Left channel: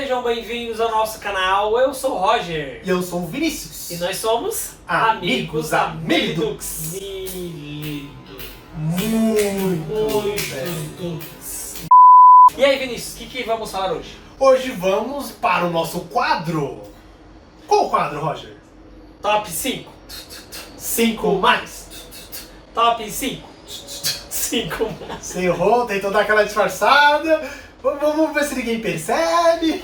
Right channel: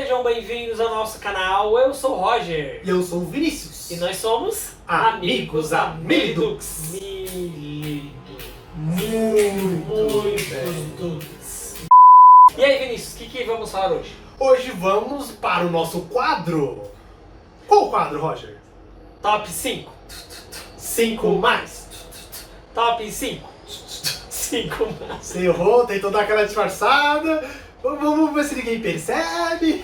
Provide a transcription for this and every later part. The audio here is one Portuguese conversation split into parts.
Sejam bem-vindos ao nosso canal. Eu sou o Roger. E eu sou o Vinícius. E nós somos Amigos da Milidux. Muitos. E aí, Vinícius, o que vamos falar hoje? Hoje vamos para o nosso quadro. Qual o quadro, Roger? Top 5. 5 mais. Top 5. 5 mais. Você errou, tentou dar aquela disfarçada. Vamos ver se ninguém percebe.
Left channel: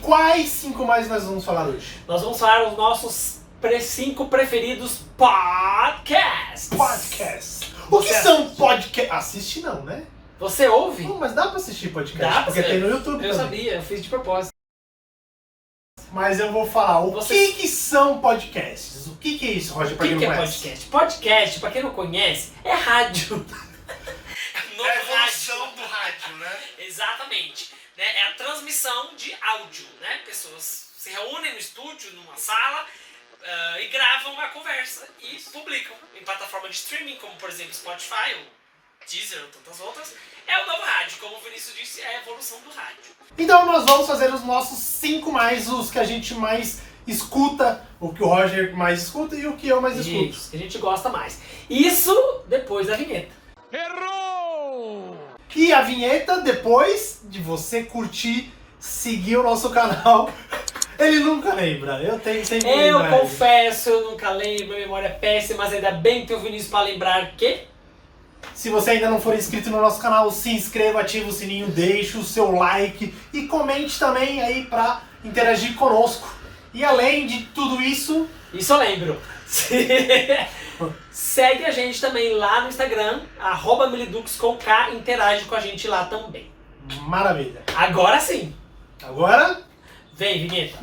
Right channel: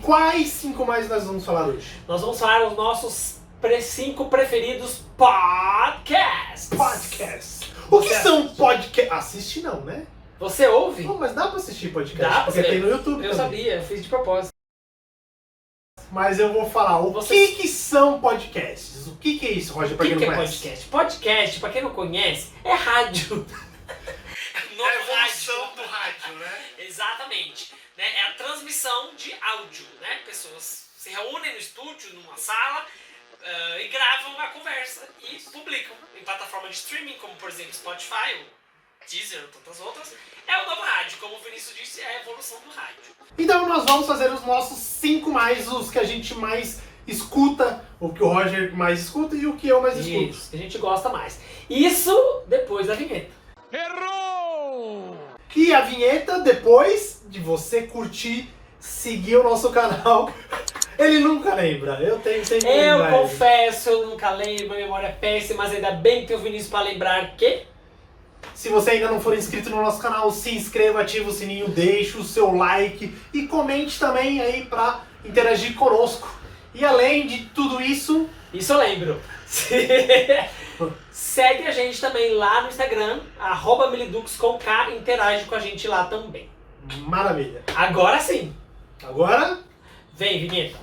Quais 5 mais nós vamos falar hoje? Nós vamos falar os nossos 5 preferidos podcasts. Podcasts. O que são podcasts? Assiste não, né? Você ouve? Não, mas dá pra assistir podcast. Dá pra porque ver. tem no YouTube Eu também. sabia, eu fiz de propósito. Mas eu vou falar o que são podcasts. O que é isso, Roger, O pra quem que não é conhece? podcast? Podcast, pra quem não conhece, é rádio. É a evolução do rádio, né? Exatamente. Né? É a transmissão de áudio. Né? Pessoas se reúnem no estúdio, numa sala, e gravam uma conversa e publicam em plataforma de streaming, como por exemplo Spotify, ou Deezer, ou tantas outras. É o novo rádio, como o Vinícius disse, é a evolução do rádio. Então nós vamos fazer os nossos 5 mais, os que a gente mais escuta, o que o Roger mais escuta e o que eu mais escuto. Isso, que a gente gosta mais. Isso depois da vinheta. Errou! E a vinheta, depois de você curtir, seguir o nosso canal. Ele nunca lembra, eu tenho sempre Eu lembrar. confesso, eu nunca lembro, a memória é péssima, mas ainda bem que eu Vinícius para lembrar que... Se você ainda não for inscrito no nosso canal, se inscreva, ativa o sininho, deixe o seu like e comente também aí pra interagir conosco. E além de tudo isso... Isso eu lembro. Segue a gente também lá no Instagram, @milidux com K, interage com a gente lá também. Maravilha. Agora sim, Agora... vem vinheta.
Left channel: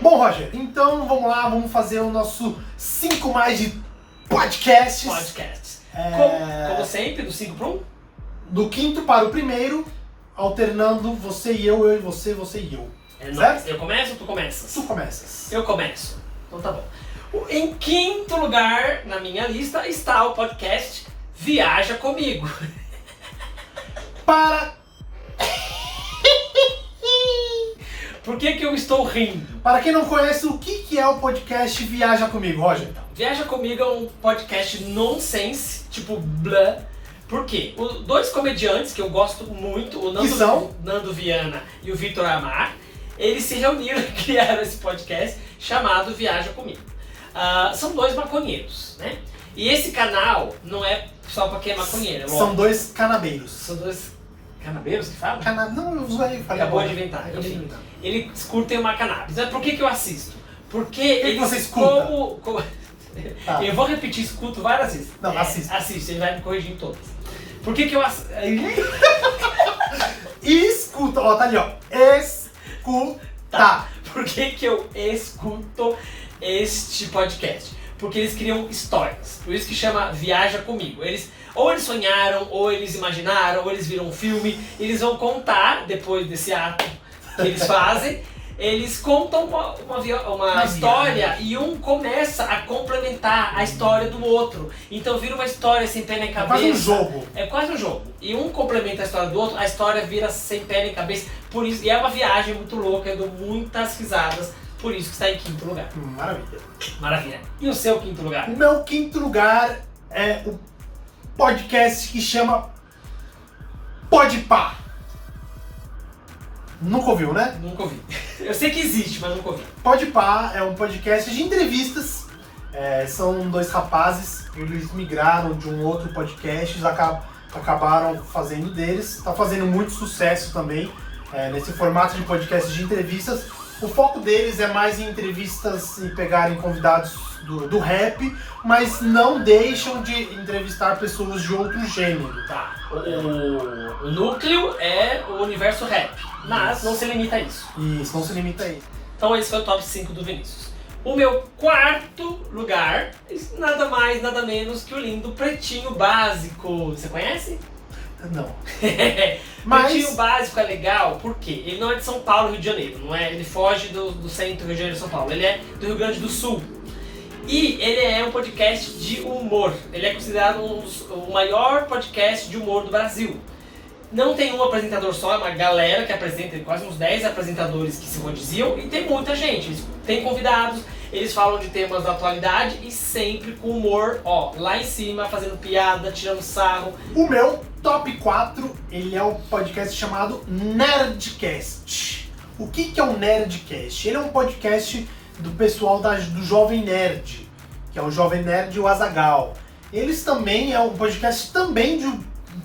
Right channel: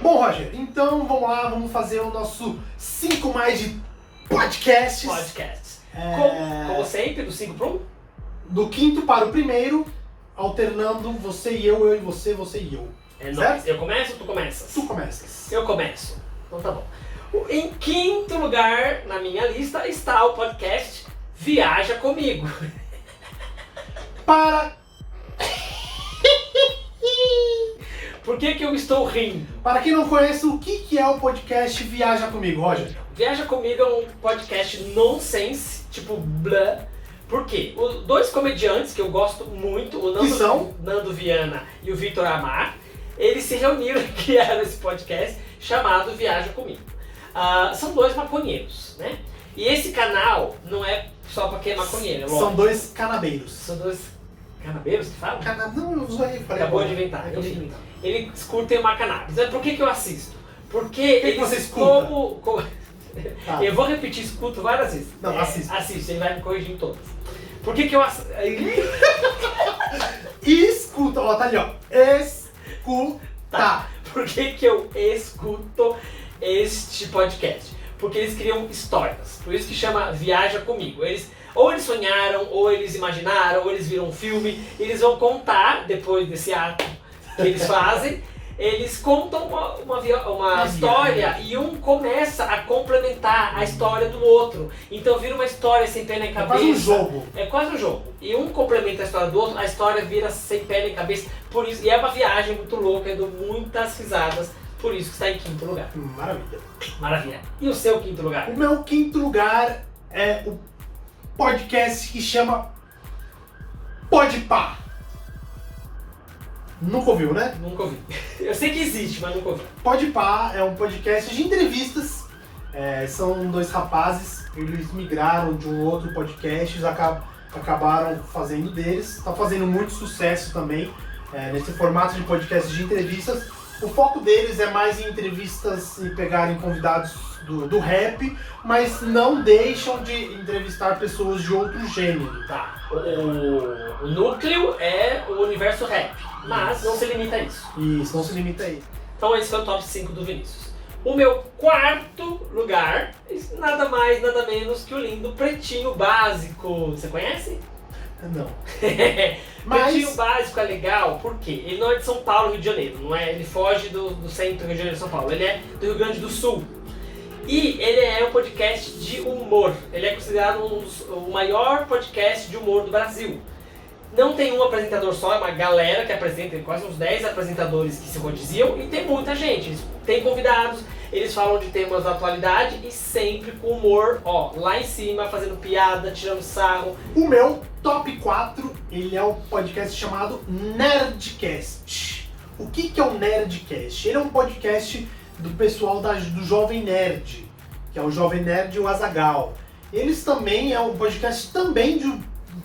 Bom, Roger, então vamos lá, vamos fazer o nosso 5 mais de podcasts. Podcast. É. Como sempre, do 5 para 1. Do quinto para o primeiro, alternando você e eu e você e eu. É Certo? nóis. Eu começo ou tu começas? Tu começas. Eu começo. Então tá bom. Em quinto lugar na minha lista está o podcast Viaja Comigo. Para Por que eu estou rindo? quem não conhece, o que é o podcast Viaja Comigo, Roger? Viaja Comigo é um podcast nonsense, tipo blá. Por quê? Dois comediantes que eu gosto muito, o Que são? Nando Viana e o Vitor Amar, eles se reuniram e criaram esse podcast chamado Viaja Comigo. São dois maconheiros, né? E esse canal não é só pra quem é maconheiro, é São lógico. dois canabeiros. São dois canabeiros que falam? Não, eu usei. Falei Acabou agora. de inventar. Acabei de Enfim. inventar. Eles curtem uma cannabis. Por que eu assisto? Porque que eles você escuta? Tá. Eu vou repetir, escuto várias vezes. Não, assiste. Assiste, ele vai me corrigir em todas. Por que eu assisto? Escuta, ó, tá ali, ó. Escuta. Por que eu escuto este podcast? Porque eles criam histórias. Por isso que chama Viaja Comigo. Eles sonharam, ou eles imaginaram, ou eles viram um filme. Eles vão contar, depois desse ato que eles fazem, eles contam uma história e um começa a complementar a história do outro. Então vira uma história sem pé nem É cabeça. quase um jogo. É quase um jogo. E um complementa a história do outro, a história vira sem pé nem cabeça. Por isso, e é uma viagem muito louca, eu dou muitas risadas. Por isso que está em quinto lugar. Maravilha. Maravilha. E o seu quinto lugar? O meu quinto lugar é o podcast que chama Podpah. Nunca ouviu, né? Nunca ouvi. Eu sei que existe, mas nunca ouvi. Podpah é um podcast de entrevistas. São dois rapazes, eles migraram de um outro podcast, eles acabaram fazendo deles. Está fazendo muito sucesso também nesse formato de podcast de entrevistas. O foco deles é mais em entrevistas e pegarem convidados do rap, mas não deixam de entrevistar pessoas de outro gênero. Tá. O núcleo é o universo rap, mas não se limita a isso. E isso não se limita aí. Então esse foi o top 5 do Vinícius. O meu quarto lugar, nada mais, nada menos que o lindo Pretinho Básico. Você conhece? Não. Mas... Pretinho Básico é legal porque ele não é de São Paulo, Rio de Janeiro, não é? Ele foge do centro do Rio de Janeiro, São Paulo. Ele é do Rio Grande do Sul. E ele é um podcast de humor. Ele é considerado considerado o maior podcast de humor do Brasil. Não tem um apresentador só, é uma galera que apresenta, tem quase uns 10 apresentadores que se rodiziam e tem muita gente. Eles têm convidados, eles falam de temas da atualidade e sempre com humor, ó, lá em cima, fazendo piada, tirando sarro. O meu top 4, ele é um podcast chamado Nerdcast. O que é o Nerdcast? Ele é um podcast do pessoal do Jovem Nerd, que é o Jovem Nerd e o Azaghal. Eles também é um podcast também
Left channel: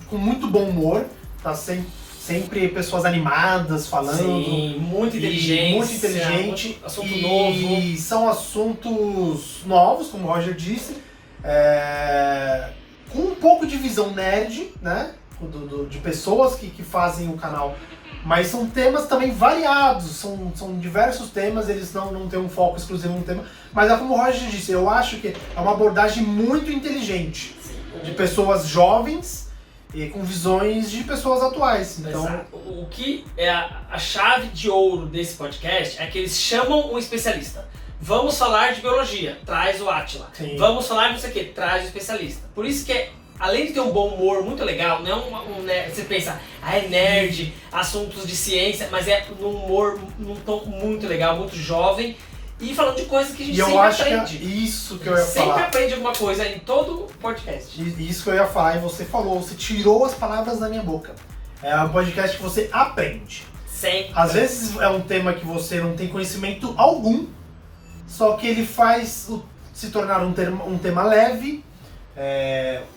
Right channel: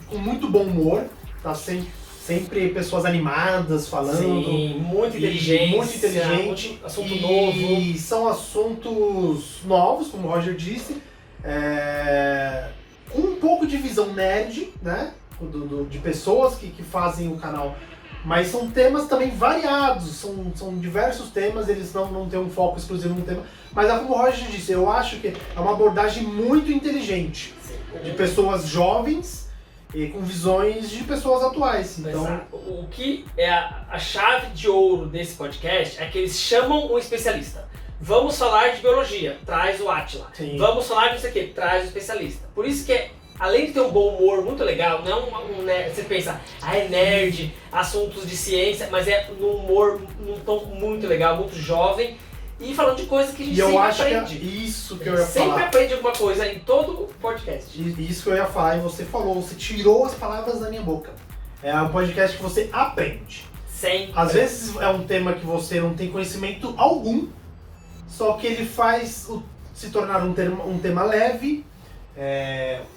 com muito bom humor, tá sempre pessoas animadas falando. Sim, muito inteligente. Muito inteligente. Assunto novo. E são assuntos novos, como o Roger disse, com um pouco de visão nerd, né? De pessoas que fazem o canal. Mas são temas também variados, são diversos temas, eles não têm um foco exclusivo no tema. Mas é como o Roger disse, eu acho que é uma abordagem muito inteligente. Sim. De pessoas jovens e com visões de pessoas atuais. Então, exato. O que é a chave de ouro desse podcast é que eles chamam um especialista. Vamos falar de biologia, traz o Átila. Sim. Vamos falar de não sei o que, traz o especialista. Por isso que além de ter um bom humor muito legal, não é nerd, você pensa, é nerd, assuntos de ciência, mas é um humor num tom muito legal, muito jovem, e falando de coisas que a gente sempre aprende. Que é isso que eu ia falar. Sempre aprende alguma coisa em todo podcast. Isso que eu ia falar, e você falou, você tirou as palavras da minha boca. É um podcast que você aprende. Sempre. Às vezes é um tema que você não tem conhecimento algum, só que ele faz se tornar um tema leve,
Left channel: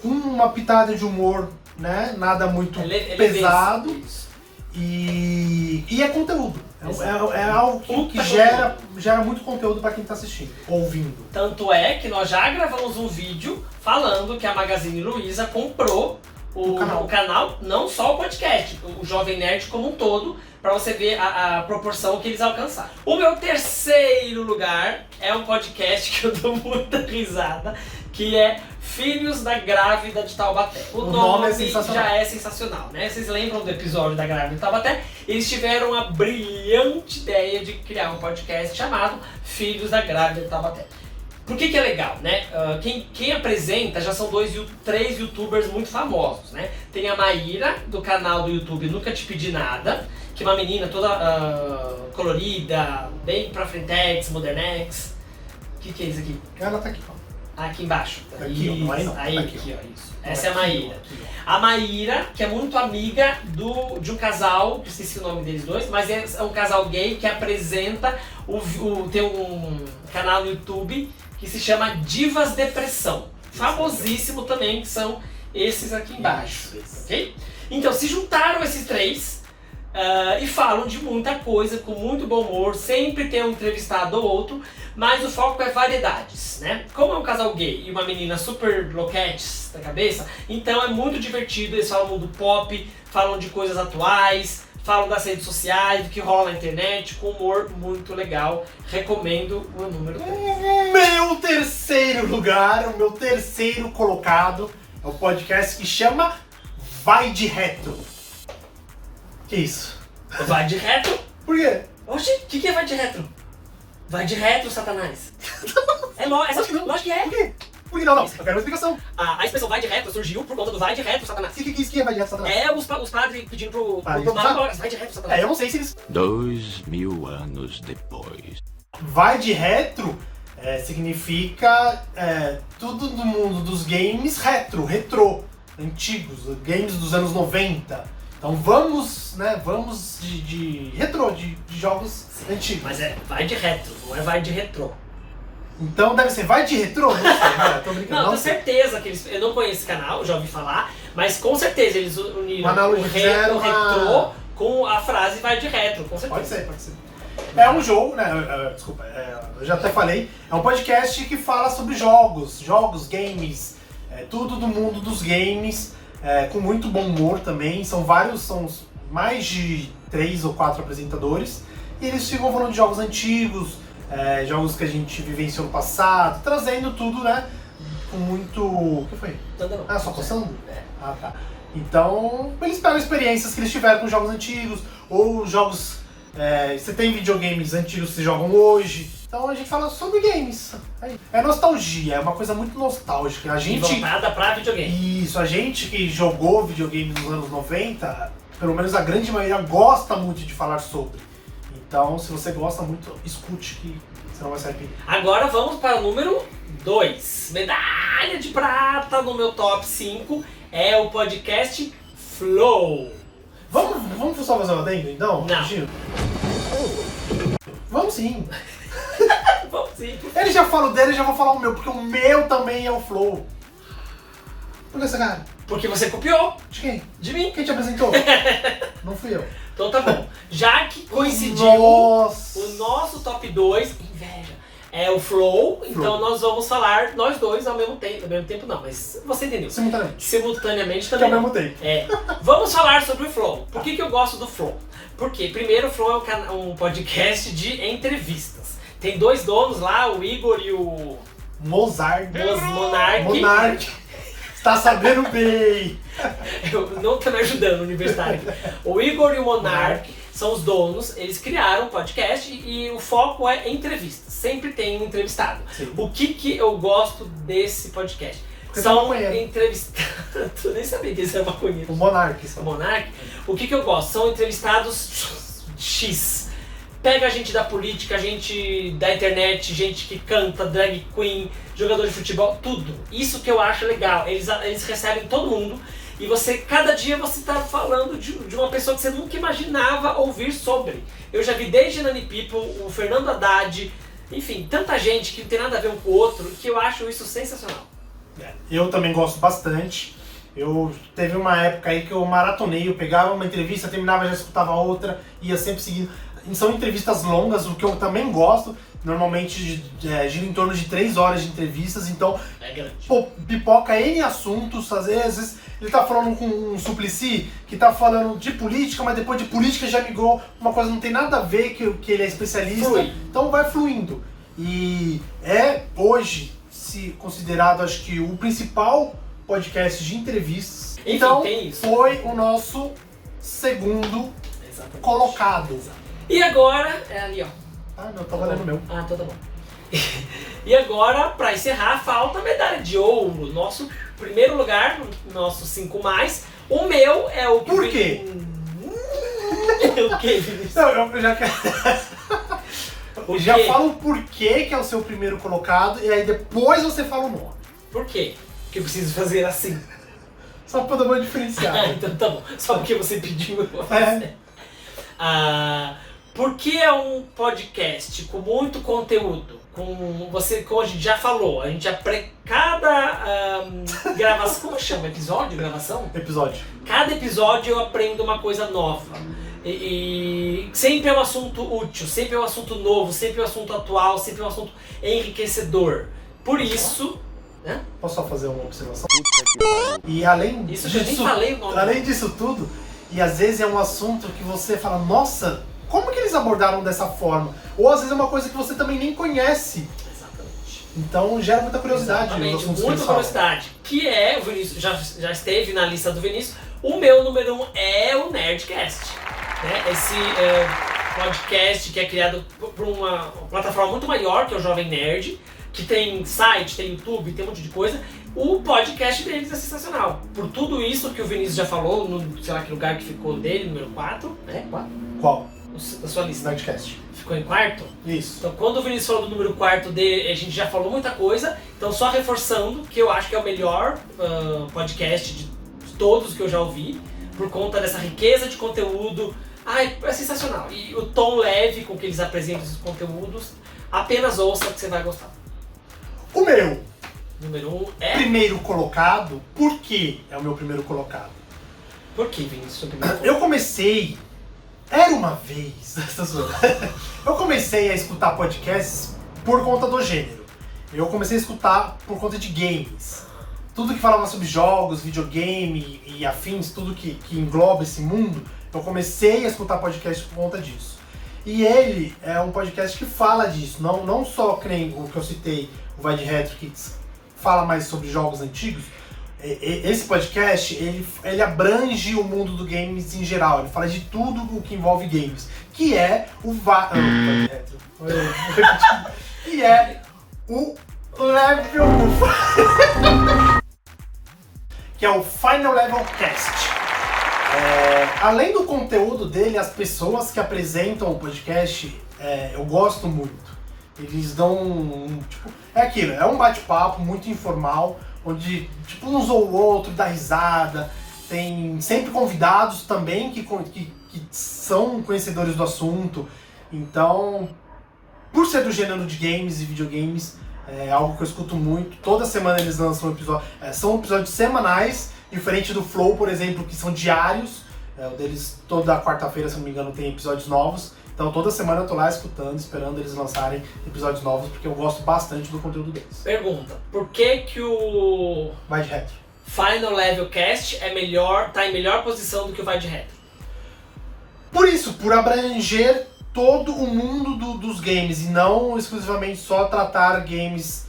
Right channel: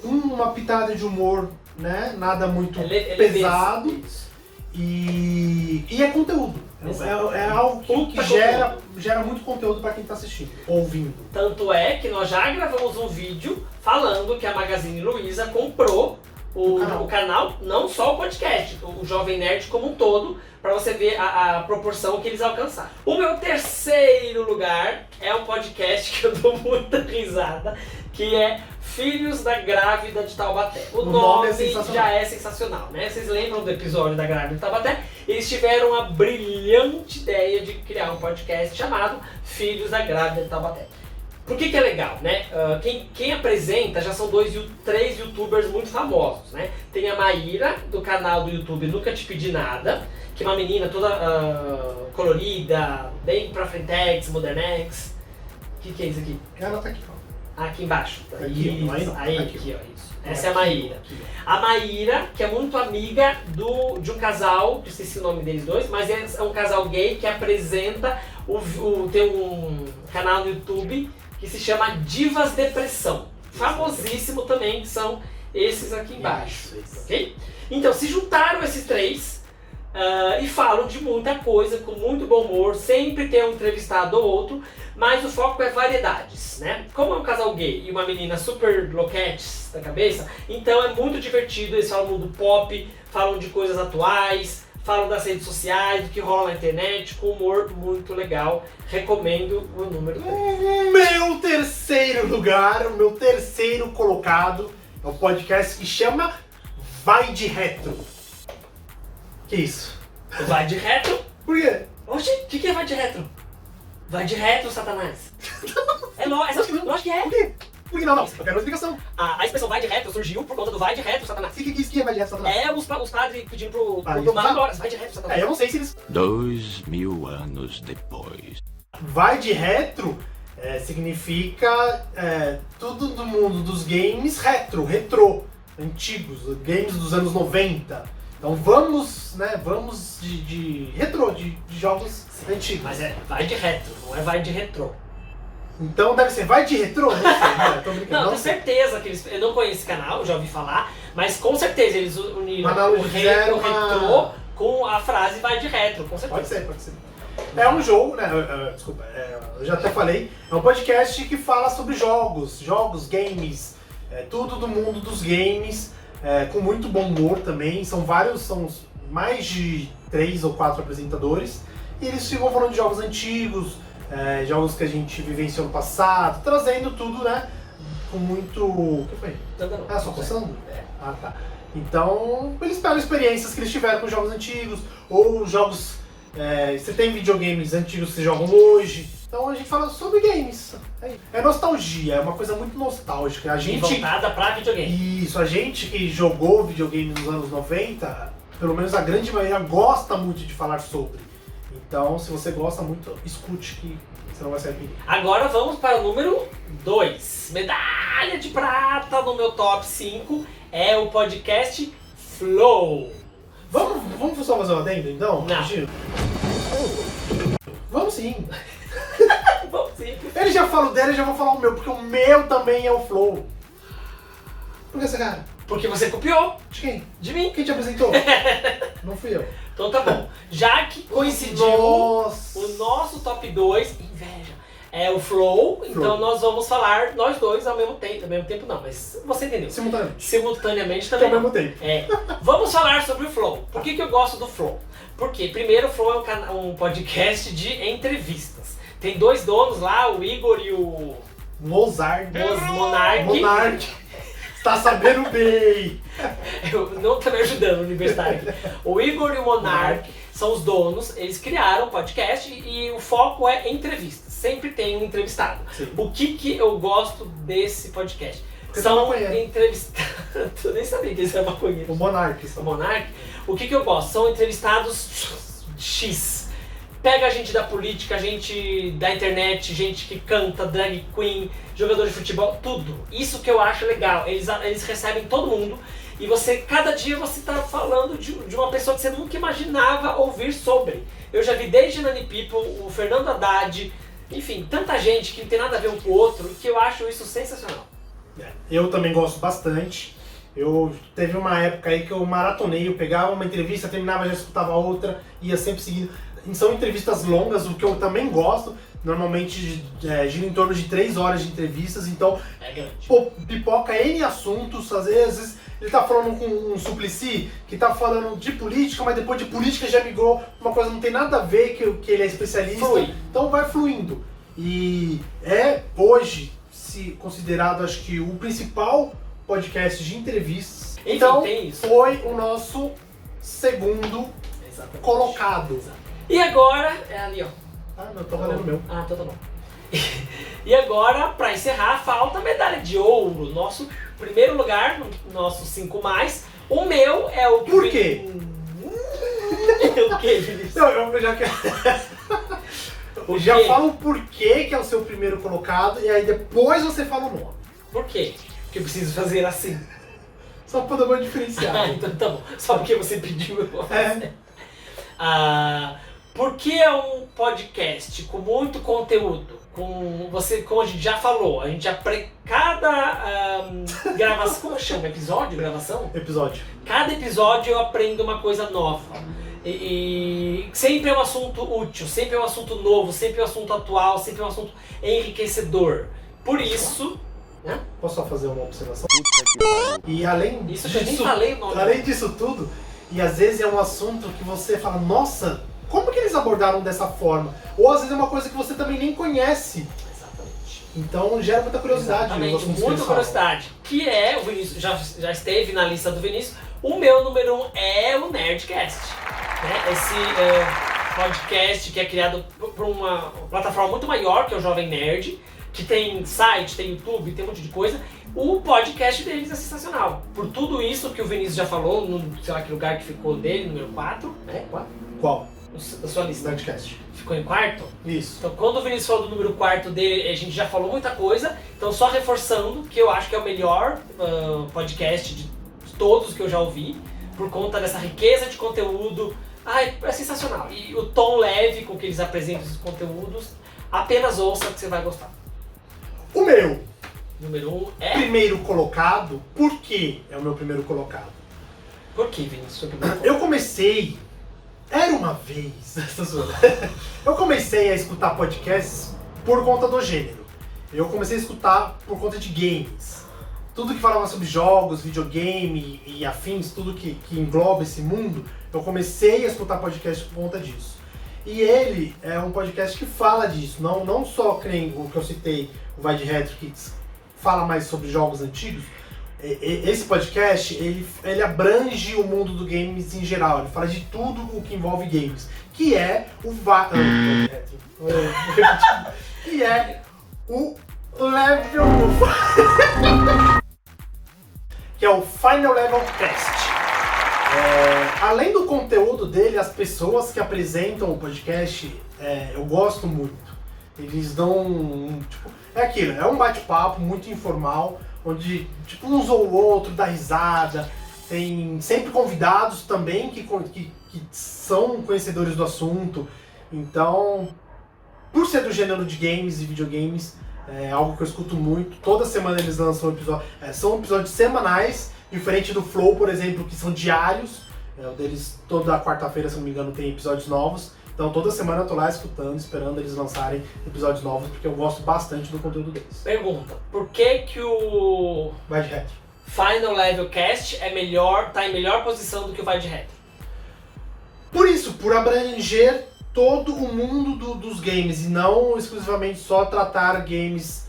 uma pitada de humor, né? Nada muito pesado. E é conteúdo. É algo que gera muito conteúdo para quem está assistindo, ouvindo. Tanto é que nós já gravamos um vídeo falando que a Magazine Luiza comprou o canal, não só o podcast, o Jovem Nerd como um todo, para você ver a proporção que eles alcançaram. O meu terceiro lugar é um podcast que eu dou muita risada, que é Filhos da Grávida de Taubaté. O nome já é sensacional, né? Vocês lembram do episódio da Grávida de Taubaté? Eles tiveram a brilhante ideia de criar um podcast chamado Filhos da Grávida de Taubaté. Por que é legal, né? Quem apresenta já são 3 youtubers muito famosos, né? Tem a Maíra, do canal do YouTube Nunca Te Pedi Nada, que é uma menina toda colorida, bem pra frentex, modernex. O que é isso aqui? Ela tá aqui, ó. Aqui embaixo. Aqui, isso, ó. Aí, aqui, ó, isso. Essa é a Maíra. A Maíra, que é muito amiga de um casal, que eu esqueci o nome deles dois, mas é um casal gay que apresenta, tem um canal no YouTube que se chama Divas Depressão. Famosíssimo também, que são esses aqui embaixo. Ok? Então, se juntaram esses 3 e falam de muita coisa, com muito bom humor, sempre tem um entrevistado ou outro, mas o foco é variedades, né? Como é um casal gay e uma menina super loquetes da cabeça, então é muito divertido, eles falam do pop, falam de coisas atuais, falam das redes sociais, do que rola na internet, com humor muito legal. Recomendo o número 3. Meu terceiro lugar, o meu terceiro colocado é o podcast que chama Vai de Retro. Que isso? Vai de retro? Por quê? Oxi, o que é vai de retro? Vai de retro, Satanás. Lógico que é. Por quê? Por que não? Eu quero uma explicação. A expressão vai de retro surgiu por conta do vai de retro, Satanás. O que é Vai de Retro, Satanás? É os padres pedindo pro mar agora, vai de retro, Satanás. Eu não sei se eles... 2000 anos depois. Vai de retro significa tudo do mundo dos games retrô, antigos, games dos anos 90. Então vamos de retrô, de jogos antigos. Mas vai de retro, não é vai de retrô. Então deve ser vai de retrô? Não sei, cara, tô brincando. Não, tenho certeza que eles... Eu não conheço esse canal, já ouvi falar, mas com certeza eles uniram o retrô com a frase vai de retro, com certeza. Pode ser. É um jogo, né? Desculpa, eu já até falei. É um podcast que fala sobre jogos, games, tudo do mundo dos games, com muito bom humor também. São mais de 3 ou 4 apresentadores. E eles ficam falando de jogos antigos, jogos que a gente vivenciou no passado, trazendo tudo, né? Com muito... O que foi? Só coçando? Ah, tá. Então, eles pegam experiências que eles tiveram com jogos antigos, ou jogos... você tem videogames antigos que vocês jogam hoje, Então a gente fala sobre games. É nostalgia, é uma coisa muito nostálgica. A E gente... voltada pra videogame. Isso, a gente que jogou videogame nos anos 90, pelo menos a grande maioria gosta muito de falar sobre. Então, se você gosta muito, escute que você não vai se arrepender. Agora vamos para o número 2. Medalha de prata no meu top 5 é o podcast Flow. Vamos só fazer uma adendo, então? Não. Gil? Vamos sim. Vamos sim. Ele já fala o dele, eu já vou falar o meu, porque o meu também é o Flow. Por que essa cara? Porque você copiou De quem? de mim. Quem te apresentou? Não fui eu. Então tá bom. Já que coincidiu Nossa. o nosso top 2, inveja, é o Flow, então nós vamos falar nós dois ao mesmo tempo. Ao mesmo tempo não, mas você entendeu. Simultaneamente. Simultaneamente Que é também. ao mesmo tempo. É. Vamos falar sobre o Flow. Por que eu gosto do Flow? Porque, primeiro, o Flow é um podcast de entrevistas. Tem 2 donos lá, o Igor e o Mozart. Monark. Monark. Está sabendo bem. Eu não tô me ajudando, universitário. O Igor e o Monark são os donos, eles criaram um podcast e o foco é entrevistas. Sempre tem um entrevistado. Sim. O que eu gosto desse podcast? Porque São tá maconheiro. entrevistados. Eu nem sabia que eles eram maconheiros. O Monark. O Monark, o que eu gosto? São entrevistados X. Pega gente da política, gente da internet, gente que canta, drag queen, jogador de futebol, tudo. Isso que eu acho legal. Eles recebem todo mundo e você, cada dia você tá falando de uma pessoa que você nunca imaginava ouvir sobre. Eu já vi desde Nani People, o Fernando Haddad, enfim, tanta gente que não tem nada a ver um com o outro, que eu acho isso sensacional. Eu também gosto bastante. Teve uma época aí que eu maratonei, eu pegava uma entrevista, terminava, já escutava outra, ia sempre seguindo. São entrevistas longas, o que eu também gosto. Normalmente gira em torno de 3 horas de entrevistas, então É grande. pipoca N assuntos. Às vezes ele tá falando com um Suplicy que tá falando de política, mas depois de política já migrou uma coisa que não tem nada a ver, que ele é especialista. Flui. Então vai fluindo. E é hoje considerado, acho que, o principal podcast de entrevistas. Enfim, Então tem isso. foi o nosso segundo Exatamente. colocado. Exato. E agora, é ali ó. Ah, não, tô valendo o meu. Ah, então tá bom. E agora, pra encerrar, falta a medalha de ouro. Nosso primeiro lugar, nosso 5+. O meu é o que... Por quê? O que, Vinícius? Não, eu já quero. O Já quê? fala o porquê que é o seu primeiro colocado e aí depois você fala o nome. Por quê que eu preciso fazer assim? Só pra dar uma Ah, diferenciada. então tá bom. Só porque você pediu, eu vou fazer. É. Porque é um podcast com muito conteúdo, como a gente já falou, a gente cada gravação, como chama? Episódio? Gravação? Episódio. Cada episódio eu aprendo uma coisa nova. E sempre é um assunto útil, sempre é um assunto novo, sempre é um assunto atual, sempre é um assunto enriquecedor. Por isso, né? Posso só fazer uma observação? E além Isso que eu nem falei o nome. Além disso tudo, e às vezes é um assunto que você fala, nossa, como que eles abordaram dessa forma? Ou às vezes é uma coisa que você também nem conhece. Exatamente. Então gera muita curiosidade. Exatamente, os assuntos que muita eles falam. curiosidade. Que é, o Vinícius já esteve na lista do Vinícius, o meu número 1 é o Nerdcast. Né? Esse podcast que é criado por uma plataforma muito maior, que é o Jovem Nerd, que tem site, tem YouTube, tem um monte de coisa. O podcast deles é sensacional. Por tudo isso que o Vinícius já falou, no sei lá que lugar que ficou dele, número 4, né? 4? Qual? Da sua lista. Nerdcast. Ficou em quarto? Isso. Então, quando o Vinícius falou do número 4 dele, a gente já falou muita coisa. Então, só reforçando que eu acho que é o melhor podcast de todos que eu já ouvi, por conta dessa riqueza de conteúdo. Ai, é sensacional. E o tom leve com que eles apresentam esses conteúdos, apenas ouça que você vai gostar. O meu Número 1 é... primeiro colocado, por que é o meu primeiro colocado? Por que, Vinícius? Eu comecei... Era uma vez... Eu comecei a escutar podcasts por conta do gênero. Eu comecei a escutar por conta de games. Tudo que falava sobre jogos, videogame e afins, tudo que engloba esse mundo, eu comecei a escutar podcast por conta disso. E ele é um podcast que fala disso, não só que nem o que eu citei, o Vai de Retro, que fala mais sobre jogos antigos. esse podcast, ele abrange o mundo do games em geral, ele fala de tudo o que envolve games, que é o que é o Level que é o Final Level Cast. Além do conteúdo dele, as pessoas que apresentam o podcast, eu gosto muito. Eles dão, tipo, é aquilo, é um bate-papo muito informal, onde tipo, um ou o outro dá risada, tem sempre convidados também que são conhecedores do assunto. Então, por ser do gênero de games e videogames, é algo que eu escuto muito. Toda semana eles lançam um episódio, são episódios semanais, diferente do Flow, por exemplo, que são diários. O deles, toda quarta-feira, se não me engano, tem episódios novos. Então toda semana eu tô lá escutando, esperando eles lançarem episódios novos, porque eu gosto bastante do conteúdo deles. Pergunta, por que o Vai de retro. Final Level Cast tá em melhor posição do que o Vai de Retro? Por isso, por abranger todo o mundo dos games, e não exclusivamente só tratar games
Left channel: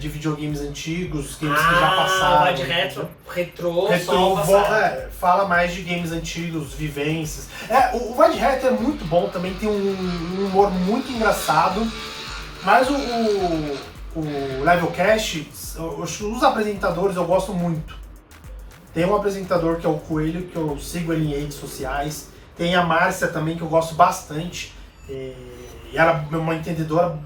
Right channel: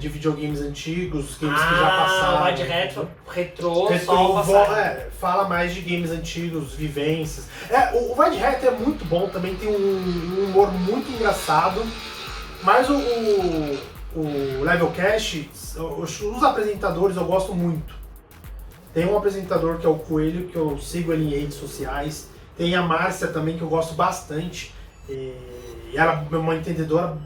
de videogames antigos, games que já passaram. Vai de retro, só fala mais de games antigos, vivências. O Vai de Retro é muito bom, também tem um humor muito engraçado, mas o Levelcast, os apresentadores eu gosto muito. Tem um apresentador que é o Coelho, que eu sigo ele em redes sociais, tem a Márcia também, que eu gosto bastante, e ela é uma entendedora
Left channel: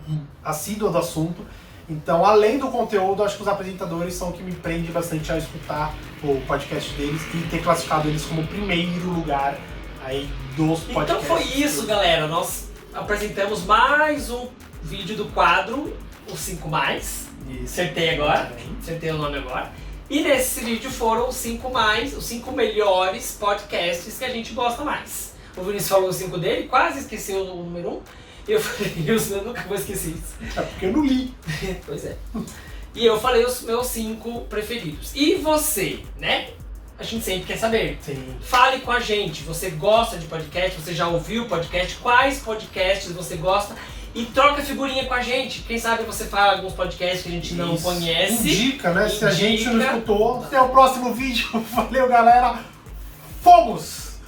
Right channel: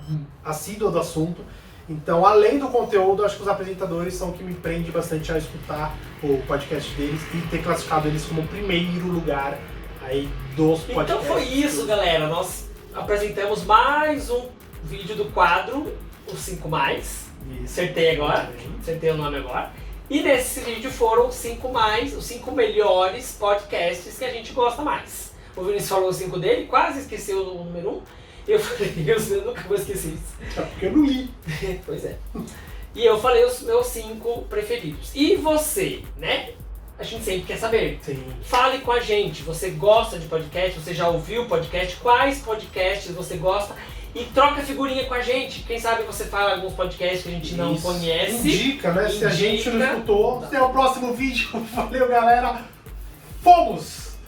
assídua do assunto. Então, além do conteúdo, acho que os apresentadores são o que me prende bastante a escutar o podcast deles e ter classificado eles como o primeiro lugar aí dos podcasts. Então foi isso, galera. Nós apresentamos mais um vídeo do quadro, os 5 mais. Acertei agora, acertei o nome agora. E nesse vídeo foram os 5 melhores podcasts que a gente gosta mais. O Vinícius falou os 5 dele, quase esqueceu o número 1. Eu falei, eu nunca vou esquecer isso. É porque eu não li. Pois é. E eu falei os meus 5 preferidos. E você, né? A gente sempre quer saber. Sim. Fale com a gente. Você gosta de podcast? Você já ouviu podcast? Quais podcasts você gosta? E troca figurinha com a gente. Quem sabe você fala alguns podcasts que a gente não conhece. Indica, né? Se a gente não escutou. Até o próximo vídeo. Valeu, galera. Fomos!